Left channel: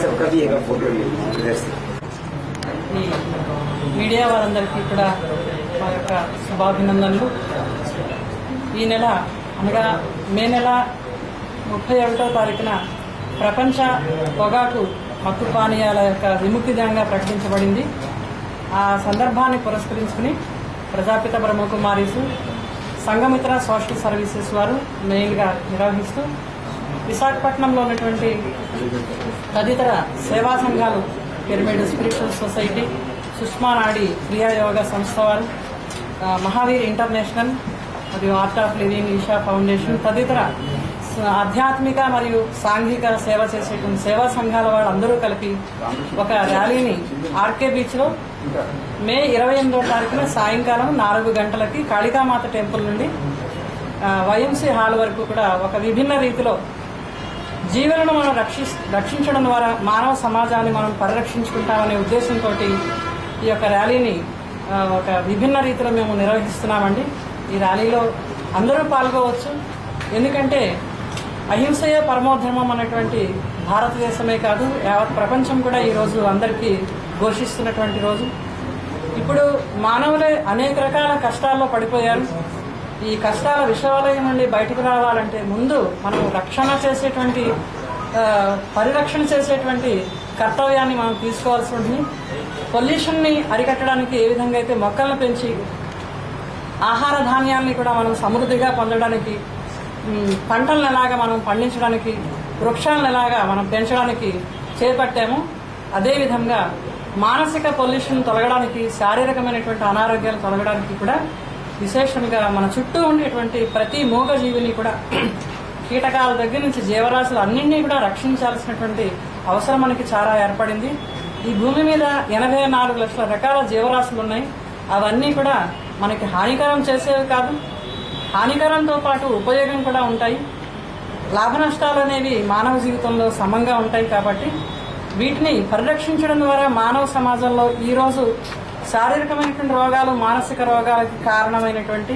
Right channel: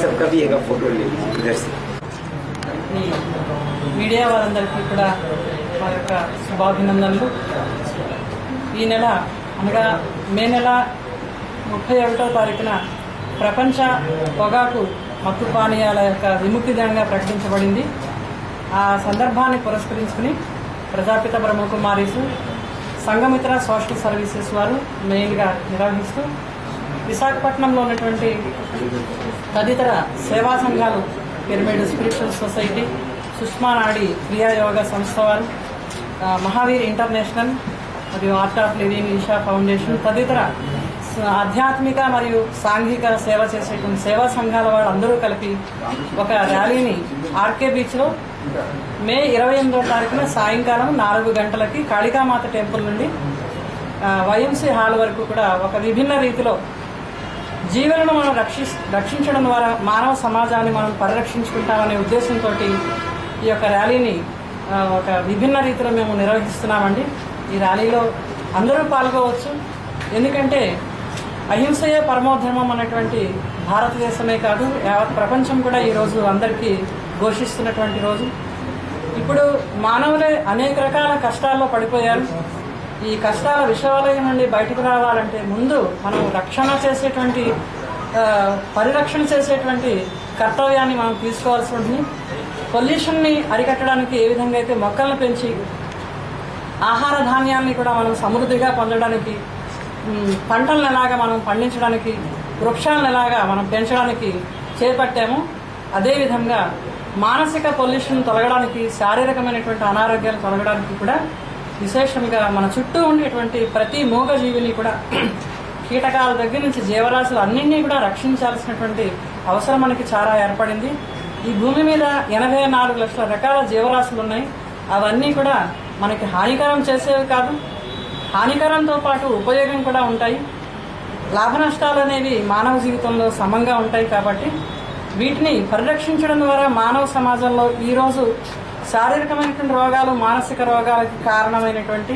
सबका भी एक फोटो ले इधर से। మీడియా వారందరికీ కూడా మా యొక్క శుభాభినందనలు. ఈ నెల అనగా మే నెల 31వ తారీఖున ప్రపంచ పొగాకు మత్తు పానీయాల యొక్క విముక్తి దినంగా ప్రకటించబడింది. ఆ సందర్భాన్ని పురస్కరించుకుని ప్రజాపిత బ్రహ్మకుమారీసు సంఘమిత్ర సోషల్ సర్వీసెస్ వారు మెయిన్గా నిర్వహిస్తూ విశాఖపట్నంలో ఉన్నటువంటి తదితర సేవా సంఘాలు పిరమిడ్ స్పిరిచువల్ సొసైటీ, సుష్మా నాడి క్రియా యోగా సంస్థ వారు, మహావీర్ ఇంటర్నేషనల్ మరియు art of living, Isha foundation తదితర ఆధ్యాత్మిక మరియు సాంఘిక సేవ చేసేటువంటి సేవా సంఘాల వారు అందరూ కలిపి ఒక ర్యాలీని ఆర్కే బీచ్లో మే 28వ తారీఖున సాయంకాలం 4 గంటలకి కాళికామాత టెంపుల్ నుండి వైఎంసీ హాల్ వరకు కూడా ఒక విభిన్న రీతిలో జీవులను మనం రక్షించడం ద్వారా మానవ సమాజాన్ని మనం పరిరక్షించుకుంటామనే ఉద్దేశంతో ఈ యొక్క ర్యాలీని ఒక విభిన్న రీతిలో మేము నిర్వహిస్తున్నామండి. ఈ ర్యాలీలో అందరూ పాల్గొవచ్చు. ఎందుకంటే అహింసయే పరమోధర్మం అనేటువంటి భారతదేశమే కాదు, యావత్ ప్రపంచం కూడా ఈరోజు అందరికీ ఘోషిస్తున్నటువంటి రోజు. ఇప్పుడు మానవులే అనేక రకాల కష్టాల్లో పడిపోయారు. ఈ కష్టాల విషవలయం నుండి బయటకు రావాలంటే ముందు మనం పరిరక్షణ చేసేటువంటి కర్తవ్యాన్ని మనం తీసుకోవాల్సి ఉంటుంది. పొల్యూషన్ని అరికట్టడానికి ఏ విధంగా అయితే మొక్కలను పెంచి ఆహార ధాన్యాన్ని కూడా మనం సమృద్ధిగా పొందడానికి, పంటలను ఎలాగా మనం పండించడానికి, వృక్షాలను ఎలాగా మనం పెంచడానికి చేపట్టాము, అదేవిధంగా మానసిక పొల్యూషన్ తొలగడానికి, శారీరకమైనటువంటి అనారోగ్యాలు తొలగడానికి కూడా విశేషంగా మన చుట్టూ ఉండేటువంటి ప్రతి మూగజీవిని కూడా కీటకాల దగ్గర నుంచి జీవరాశులు అన్నింటినీ కూడా రక్షించాల్సినటువంటి అవసరం మనకి చాలా ఏర్పడింది. ఈ భూమి మీద 84 లక్షల రకాల జీవరాశులు ఉన్నాయి. అవన్నీ కూడా మనకి హానికరం చేసేవి కాదు, హానికరంతో పాటు ఉపయోగం కూడా ఉంటాయి. లాభ నష్టాలు అనేవి మానవ జీవితంలో సమంగా ఉంటాయి. కాబట్టి వీటిని పరిరక్షించడం ద్వారా మానవ సమాజంలో ఈరోజు శారీరకమైనటువంటి రోగాలు, మానసిక రోగాలకి కారణమైనటువంటి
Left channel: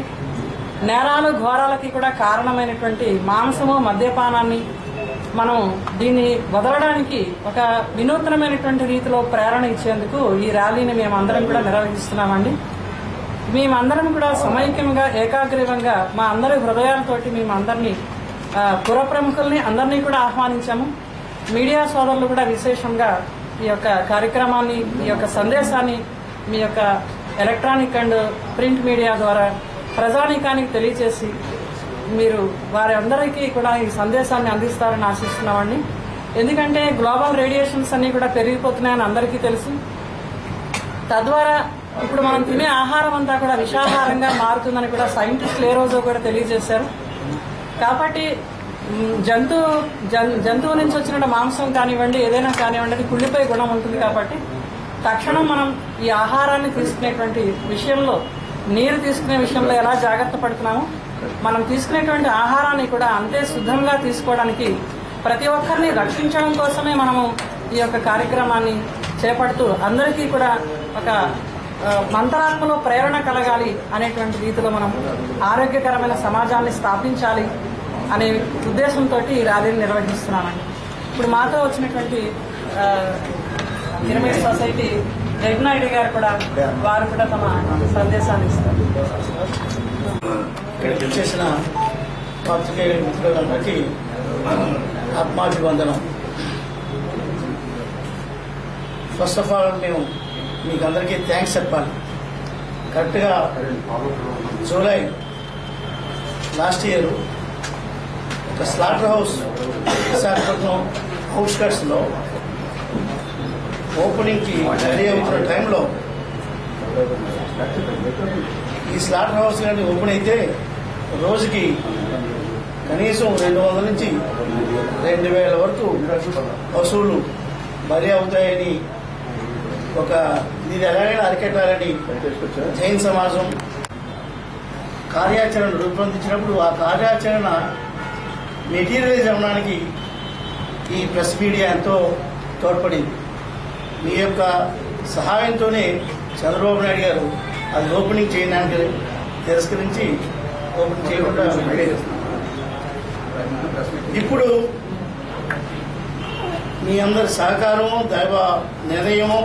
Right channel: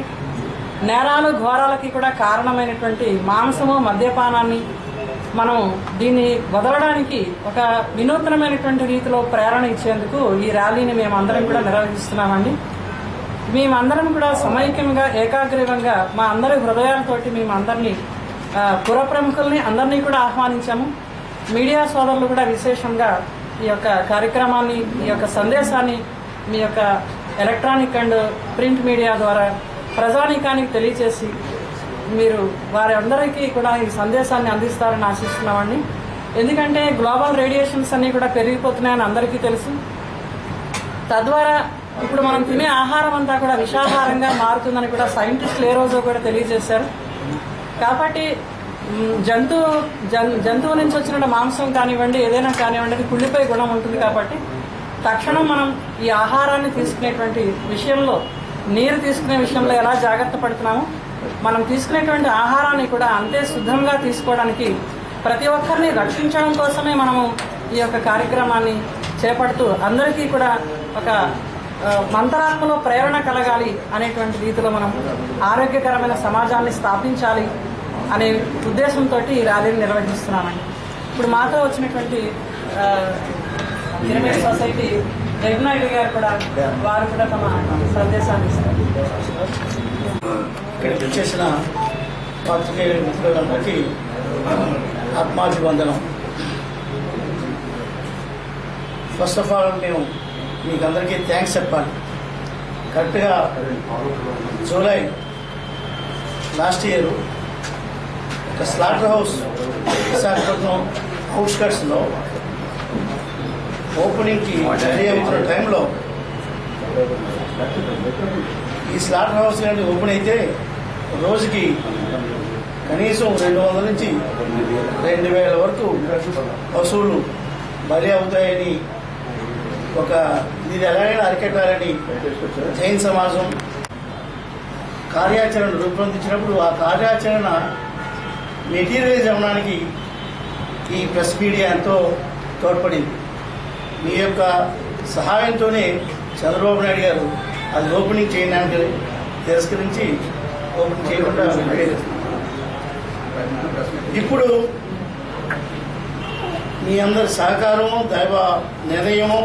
నేరాలు, ఘోరాలకి కూడా కారణమైనటువంటి మాంసము, మద్యపానాన్ని మనం దీన్ని వదలడానికి ఒక వినూత్నమైనటువంటి రీతిలో ప్రేరణ ఇచ్చేందుకు ఈ ర్యాలీని మేమందరం కూడా నిర్వహిస్తున్నామండి. మేమందరం కూడా సమైక్యంగా, ఏకాగ్రీవంగా మా అందరి హృదయాలతోటి మేమందరినీ పుర ప్రముఖుల్ని అందరినీ కూడా ఆహ్వానించాము. మీడియా సోదరులు కూడా విశేషంగా ఈ యొక్క కార్యక్రమాన్ని, ఈ యొక్క సందేశాన్ని మీ యొక్క ఎలక్ట్రానిక్ అండ్ ప్రింట్ మీడియా ద్వారా ప్రజానీకానికి తెలియజేసి మీరు వారి అందరికీ కూడా ఈ సందేశాన్ని అందిస్తారని ఆశిస్తున్నామండి. ఎందుకంటే గ్లోబల్ రేడియేషన్స్ అన్ని కూడా పెరిగిపోతున్నాయని అందరికీ తెలుసు. తద్వారా ఇప్పుడు మనం తినే ఆహారం అంతా కూడా విషాహారంగా మారుతుందని కూడా సైంటిస్టులు ఏ రోజు కూడా తెలియజేశారు. కాబట్టి జంతువు నుంచి వచ్చిన మాంసం కానివ్వండి, ఏదైనా కానివ్వండి, అది కుళ్ళిపోయే గుణం ఉంటుంది. కాబట్టి తక్షణం మనం ఈ ఆహారాన్ని తీసుకునేటువంటి విషయంలో, నీరు తీసుకునే విషయంలో ఎలా జాగ్రత్త పడుతున్నామో మనం తీసుకునేటువంటి ఆహారాన్ని కూడా అంతే శుద్ధంగా తీసుకోవడానికి, ప్రతి ఒక్కరిని రక్షించడం కోసమే మనము ఈ యొక్క కార్యక్రమాన్ని చేపడుతూ అందరికీ కూడా ఒక మంత్రాత్మలో ప్రేరణ కలగాలి అనేటువంటి రీతిలో మనం ఆరోగ్యకరమైన సమాజాన్ని స్థాపించాలి అనే ఉద్దేశంతో ఈ ర్యాలీని నిర్వహిస్తున్నామండి. ఇప్పుడు మాతో వచ్చినటువంటి పిరమిడ్ సొసైటీ జగన్నాయుడు గారు కూడా, వారు కూడా తమ సందేశాన్ని ఇస్తారు. ఇక్కడికి వచ్చేసిన పాత్రికేయ మిత్రులందరికీ ఆత్మాభివందనం. ఫస్ట్ ఆఫ్ ఆల్ మేము మీకు అందరికీ థ్యాంక్స్ చెప్పాలి. కరెక్ట్గా జూలై లాస్ట్ ఇయర్ ఒక స్లాటర్ హౌస్ విశాఖపట్నం అవుట్స్కట్స్లో ఓపెనింగ్కి రెడీ అవుతున్న టైంలో ఈ స్లాటర్ హౌస్ కానీ ఓపెన్ అయితే రోజుకి కనీసం 200 నుంచి 2000 వరకు పశువులు బలి అవుతాయని, ఒక ఇది ఎలాగైనా అరికట్టాలని జైన్ సమాజం కార్యాచరణ రూపొందించినప్పుడు ఆ కార్యాచరణ మెటీరియలైజ్ అవ్వడానికి ఈ ప్రెస్ మీడియా ఎంతో తోడ్పడింది. మీ యొక్క సహాయంతోనే చంద్రబాబు నాయుడు గారు అది ఓపెనింగ్ చేయడానికి తిరస్కరించి ఓపెన్ చేయకుండా ఇప్పుడు మీ అందరి సహకారము, దైవ నిర్ణయము,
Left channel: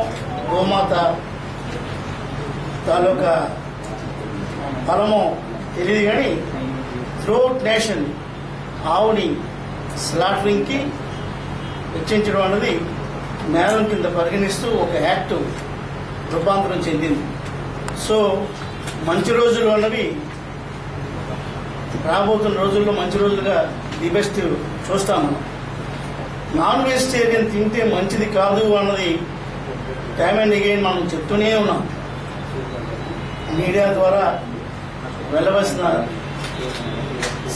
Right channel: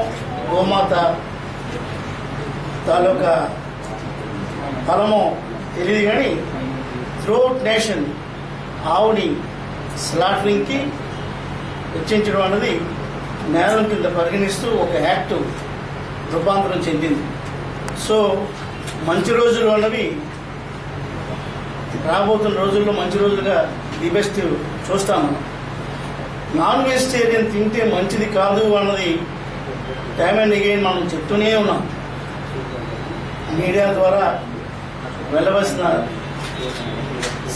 గోమాత తాలూకా ఫలము తెలియదు కానీ త్రూఅవుట్ నేషన్ ఆవుని స్లాటరింగ్కి వెచ్చించడం అన్నది నేరం కింద పరిగణిస్తూ ఒక యాక్ట్ రూపాంతరం చెందింది. సో మంచి రోజులు అన్నవి రాబోతున్న రోజుల్లో మంచి రోజులుగా ది బెస్ట్ చూస్తాం. మనం నాన్ వెజిటేరియన్ తింటే మంచిది కాదు అన్నది టైమ్ అండ్ అగైన్ మనం చెప్తూనే ఉన్నాం. మీడియా ద్వారా వెళ్ళవలసిన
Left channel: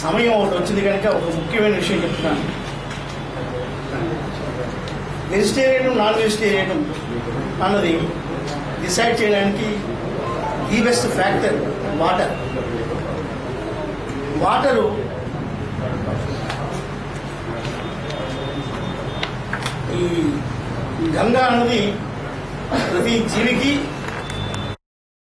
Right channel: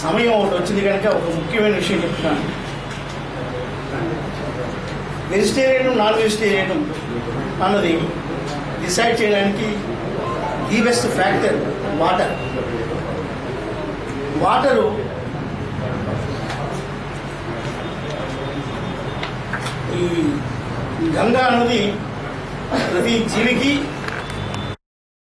సమయం ఒకటి వచ్చింది కనుక ఒక ముఖ్యమైన విషయం చెప్తున్నాను. వెజిటేరియన్ నాన్ వెజిటేరియన్ అన్నది డిసైడ్ చేయడానికి ది బెస్ట్ ఫ్యాక్టర్ వాటరు ఈ గంగా అన్నది ప్రతి జీవికి